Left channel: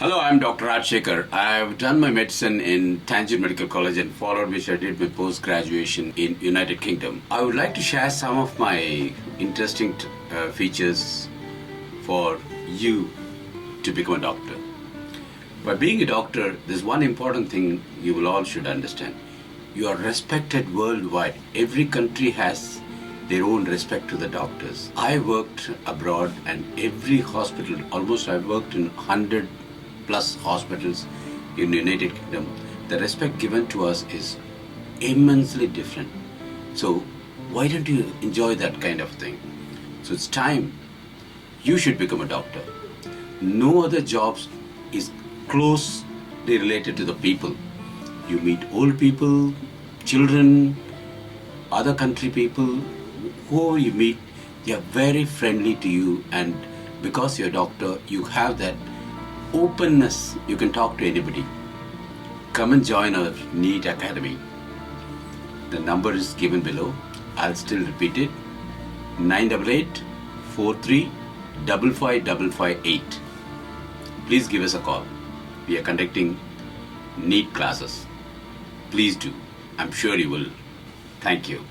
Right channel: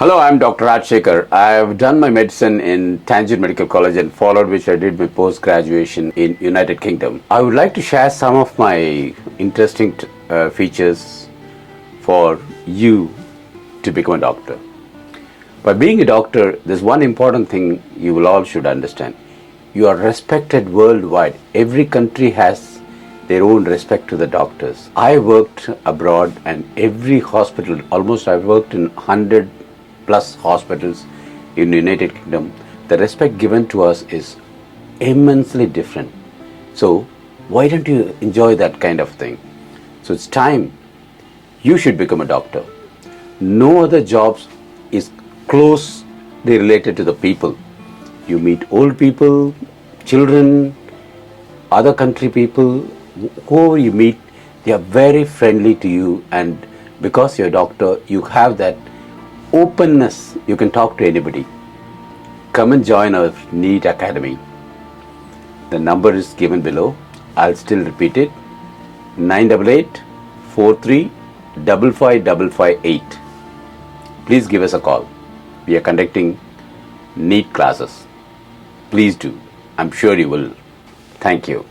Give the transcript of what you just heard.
Hello, I'm Dr. Rajshekhar. I've done my medicine in Tangent Medical College and followed which I did my post-graduation in United Kingdom. I would like to share some of my interesting features for you to become a doctor. By being a doctor, there's one important thing you will all should understand. You are respected worldwide. Every country has their own respect to the doctors. I worked abroad and every hospital, almost I've worked in 100 plus hospitals in the United Kingdom, the respect given to us is immensely different. So why don't you enjoy that kind of thing? So it's time you should become a doctor. No other jobs is closely related to the people. You meet old people, children, other country people, whoever you meet, they are very friendly to you, and because you're a doctor, you have that openness, you can talk to anybody. Come and join our NEET Academy. The number is given below. I'll still repeat it. 988-43-55558. Please give us a call. We are conducting NEET classes. Please do. I'm sure you will. Thank you.